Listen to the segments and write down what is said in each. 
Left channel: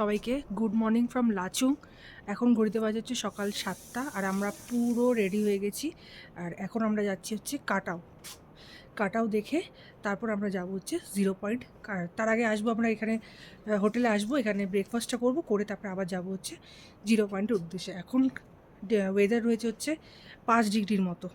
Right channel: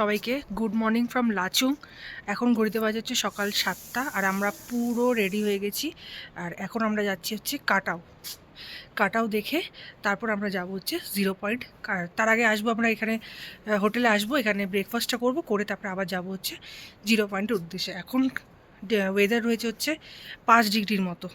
সবাইকে good morning from Lachung. এখন ঘড়িতে বাজে হচ্ছে সকাল 7টা আর আমরা পুরো রেডি হয়ে গেছি। আর এখন আমরা যাচ্ছি হচ্ছে কাটাও। কাটাও দেখে তারপর আমরা যাব হচ্ছে 0 পয়েন্ট। তার আগে আসবো আমরা এখানে হোটেলে আসবো, এখানে ব্রেকফাস্টটা করব, করে তারপরে আবার যাব হচ্ছে 0 পয়েন্টের উদ্দেশ্যে। এখন ওয়েদার রয়েছে হচ্ছে 5 ডিগ্রির মতো।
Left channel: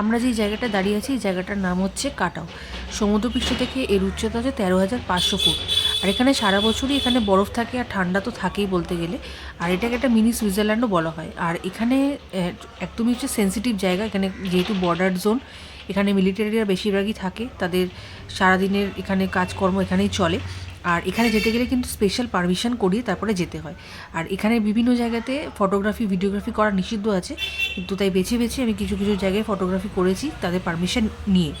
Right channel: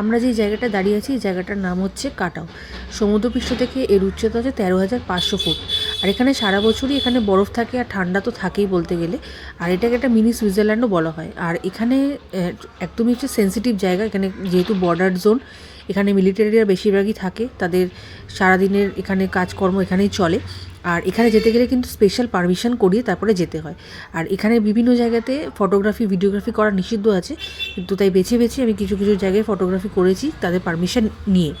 আমরা যে জায়গাটা দাঁড়িয়ে আছি এই জায়গাটার নাম হচ্ছে কাটাও। সমুদ্রপৃষ্ঠ থেকে এর উচ্চতা হচ্ছে 13,500 ফুট। আর এখানে সারা বছরই এখানে বরফ থাকে আর ঠান্ডা তো থাকেই বলতে গেলে। আর এটাকে একটা মিনি সুইজারল্যান্ডও বলা হয়। আর এখানে একদমই হচ্ছে সেন্সিটিভ জায়গা। এখানে যেহেতু বর্ডার জোন, এখানে মিলিটারিরা বেশিরভাগই থাকে, তাদের সারাদিনের এখানে কাজকর্ম এখানেই চলে। আর এখানে যেতে গেলে কিন্তু স্পেশাল পারমিশন করিয়ে তারপরে যেতে হয়। আর এখানে বিভিন্ন জায়গাতে ফটোগ্রাফি ভিডিওগ্রাফি করা নিষিদ্ধ আছে, কিন্তু তাই বেছে বেছে আমি কিছু কিছু জায়গায় ফটোগ্রাফি করেছি তাদের পারমিশন নিয়ে।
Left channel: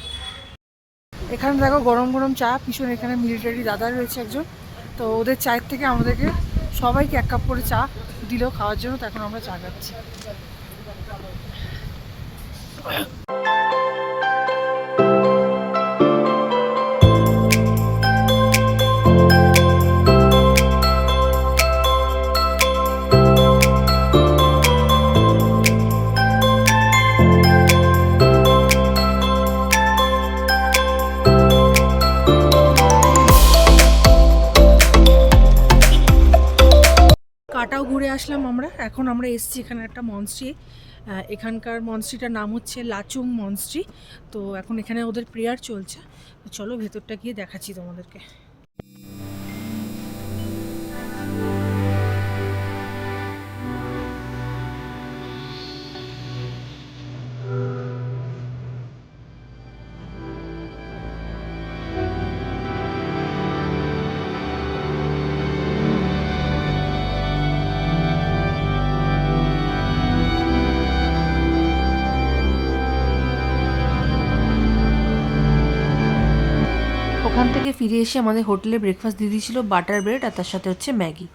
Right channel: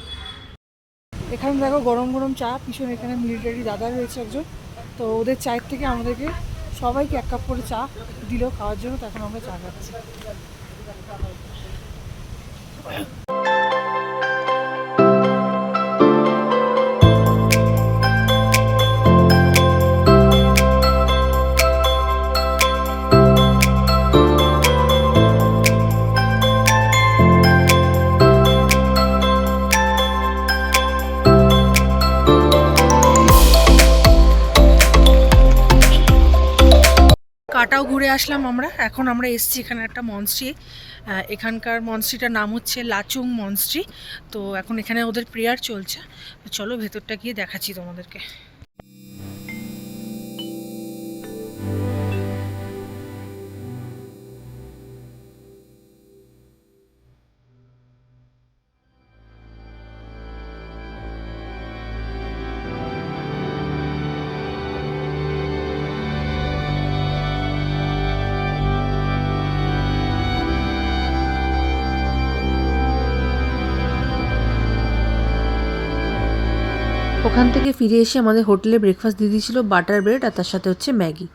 এখানে দেখো গরম গরম চা, পিছনে এখানে মিলিটারি দাদা রয়েছে একজন, তো ওদের চায়ের থেকে আমাদেরকে সবাইকে 1 কাপ করে চা দিল খাওয়ার জন্য। তো এখন আমরা চা খাচ্ছি। কাটাও ঘুরে আসলাম আমরা। এখন আমরা এসছি এখানে একটা মনস্ট্রি। এখানকার মনস্ট্রিটার নাম হচ্ছে লাচুং মনস্ট্রি। তো এখন এখানে ওদের প্রেয়ার চলছে। তো চলো ভেতরটা গিয়ে দেখাচ্ছি তোমাদেরকে। ওখান থেকে ফিরে এসে আমাদের হোটেলে ব্রেকফাস্ট দিয়ে দিয়েছিল বাটার ব্রেড আর তার সাথে হচ্ছে ম্যাগি।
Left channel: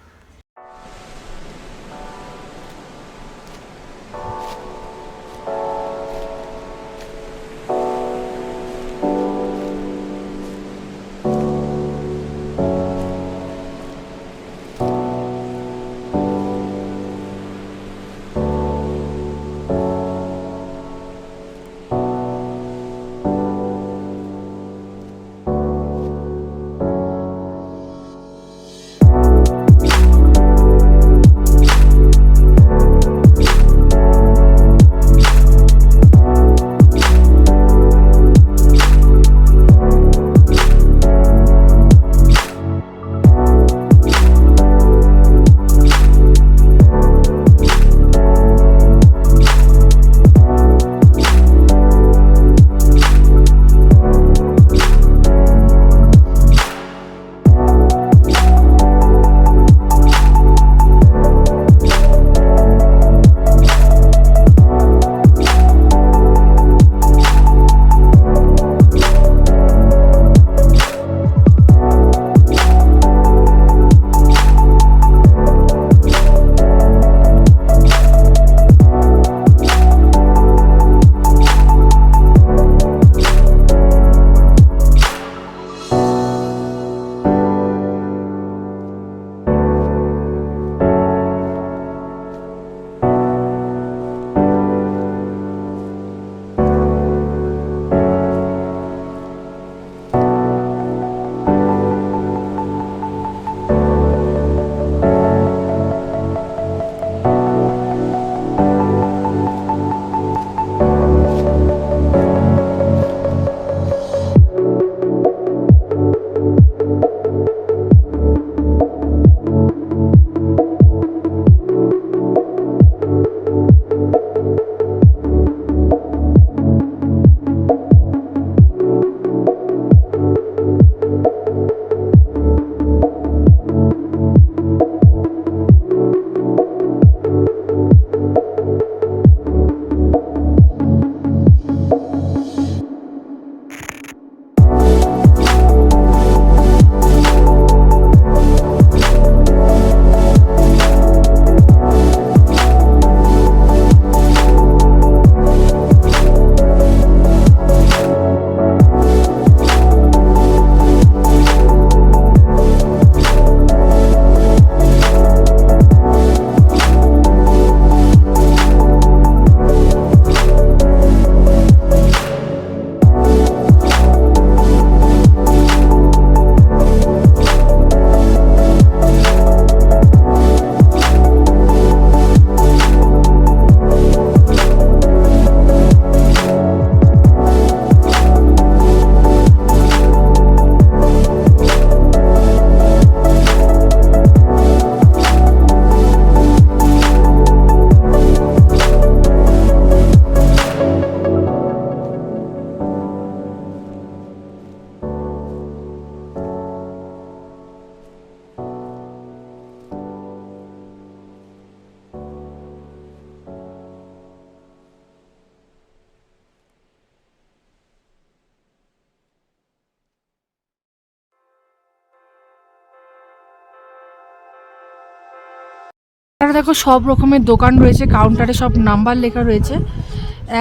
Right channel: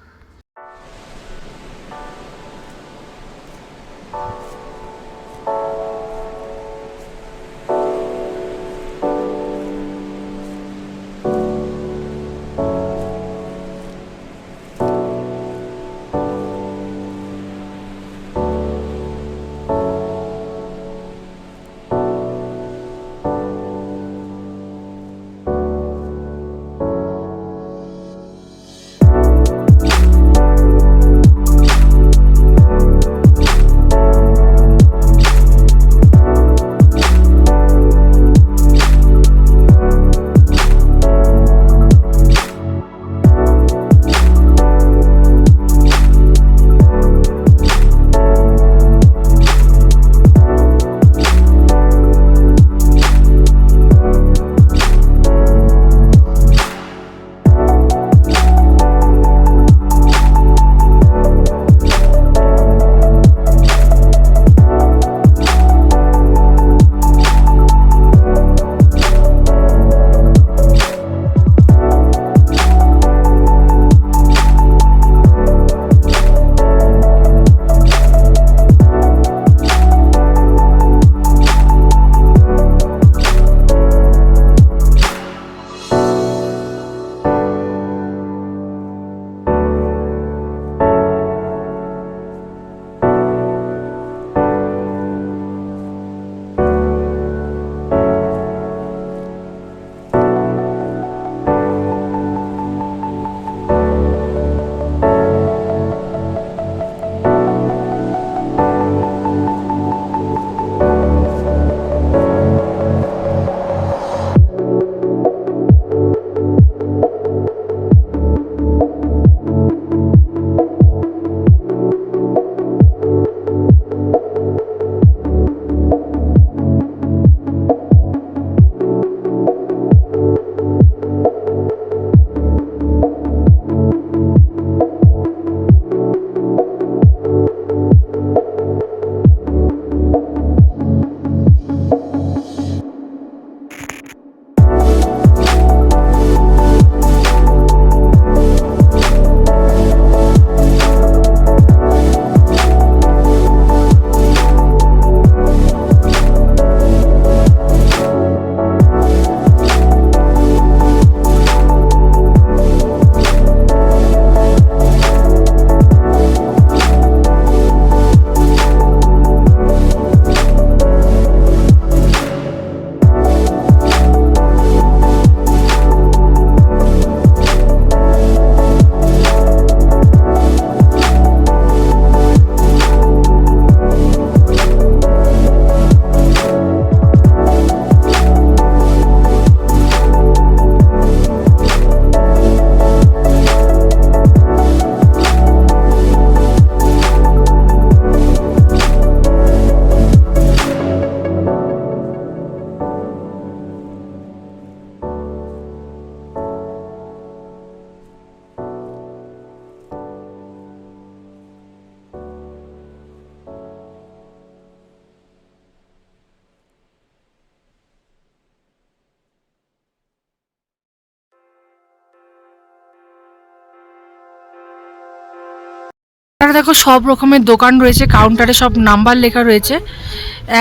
এখানে দেখো সব রকমের দোকান রয়েছে, কাউন্টারে সব নাম্বার লেখা রয়েছে,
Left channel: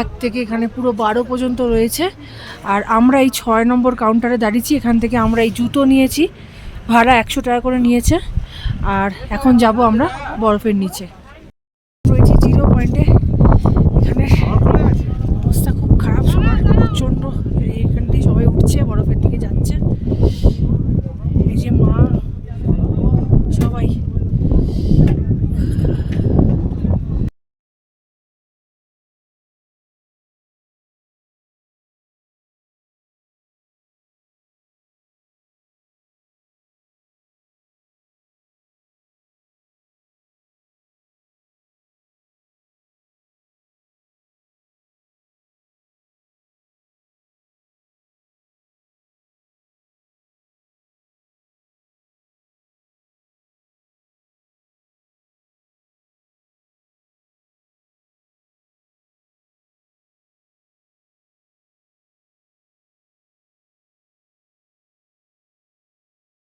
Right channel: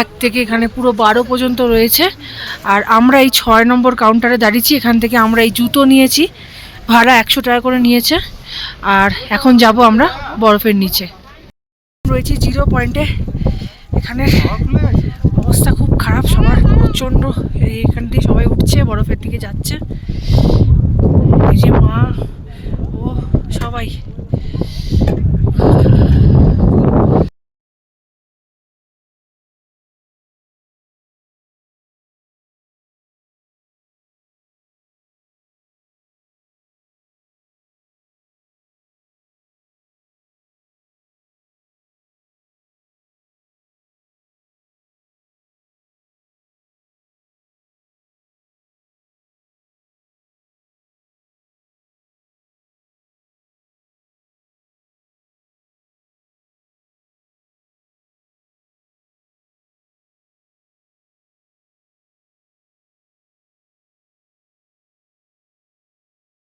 1 থেকে এখানে পুরো 12 পর্যন্ত রয়েছে। আর আমরা এই 6 নম্বর কাউন্টারে দাঁড়িয়েছি। এখান থেকে আমরা এই জুতো নিয়েছি, ভাড়া 100 টাকা করে নিয়েছে। আর এখন যাব আমরা বরফের নিচে রয়েছে 0 পয়েন্টে। এখানে অবস্থা খুব খারাপ সবার, প্রচণ্ড। এইখান দিয়ে সবাই উঠছে, বরফের দিকে যাচ্ছে। এই যে মা ও সবাই।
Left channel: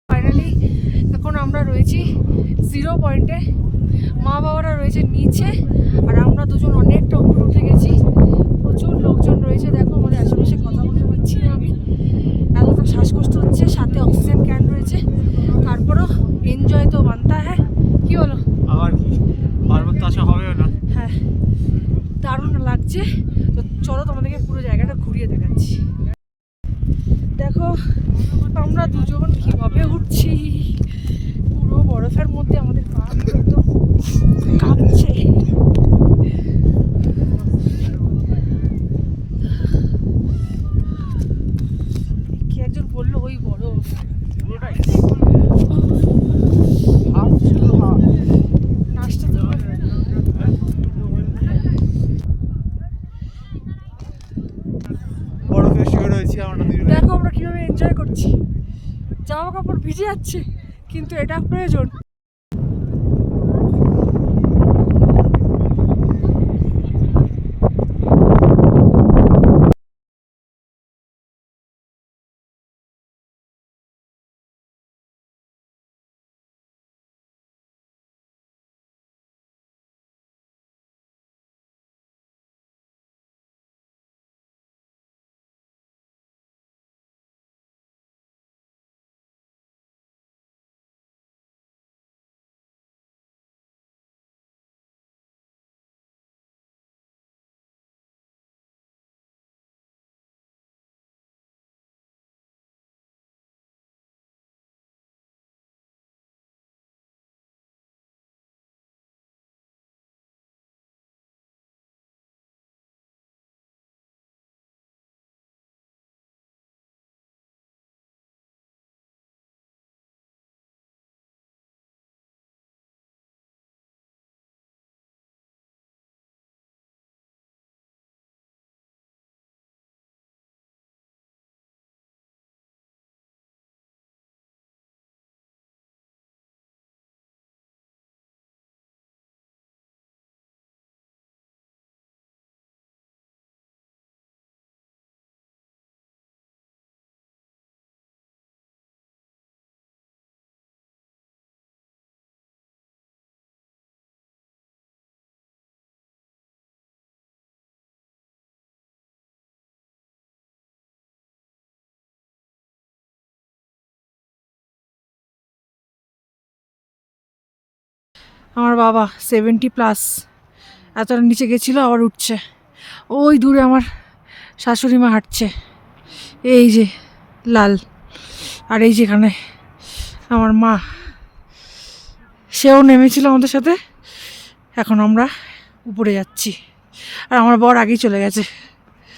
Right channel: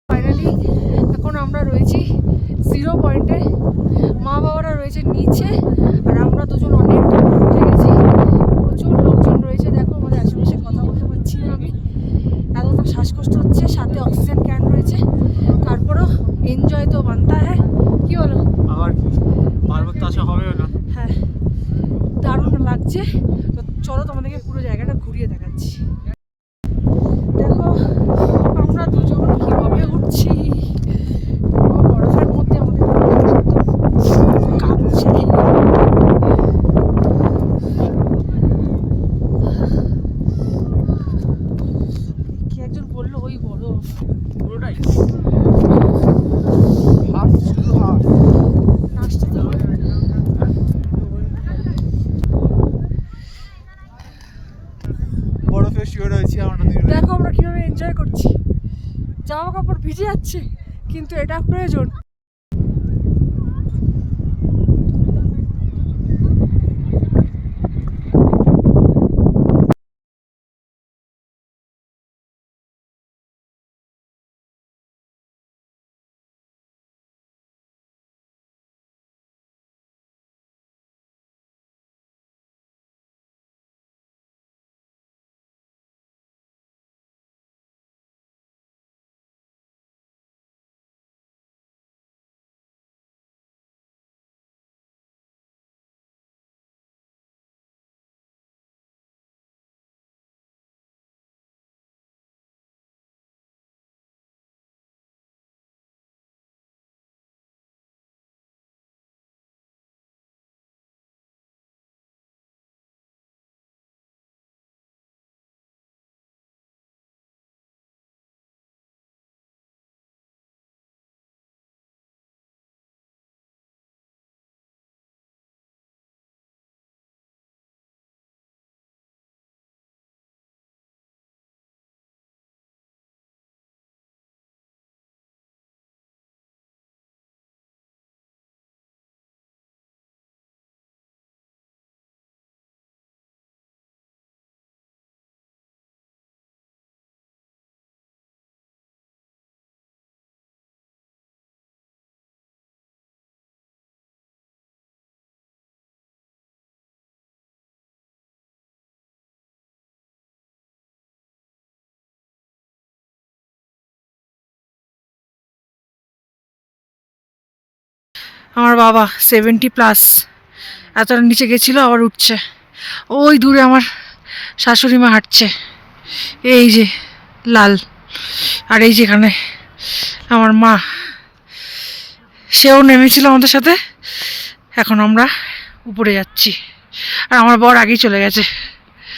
ফাইনালি এখন আমরা রয়েছি 0 পয়েন্টে, মা বাবারা রয়েছে নিচে, আর আমরা দুজন অনেকটা উঠে গেছি। প্রচুর লোকজন রয়েছে, দেখো আমাদের আশেপাশে কথা বলতে পারছি না আমি, এতটা শ্বাসকষ্ট হচ্ছে, সাথে অক্সিজেন ক্যান রয়েছে। তারপরও এনজয় তো বানতা হ্যাঁ, কি বলো? আবার কি পার্বত তো আসা হবেও না। হ্যাঁ, দারুণ লাগছে। তো চলো তোমাদেরকে পুরো জায়গাটা ঘুরিয়ে দেখাচ্ছি। দেখো আমরা দুজন কিভাবে উঠছি, পুরো বরফের মধ্যে আমাদের কাঁপছে। কি একজন বললো ওই বরফ, নাচটা তো বরফে শুয়ে রয়েছি আমরা দুজন। দেখো আমরা কিভাবে এনজয় করছি, জামা কাপড় ভিজে যাচ্ছে কিন্তু এটা প্রয়োজন। আমার বাবা 70+, এতটা নিচে গেছিলো আবার উঠছে। ওই দূরে আমার শাশুড়ি মা হাঁটছে, এই যে লাল, আর এই যেখানে আমার মা, সেও নেমেছিল আমাদের সাথে। এখন আমরা উপরে যাচ্ছি, আর আমার বর আগেই চলে গেছে।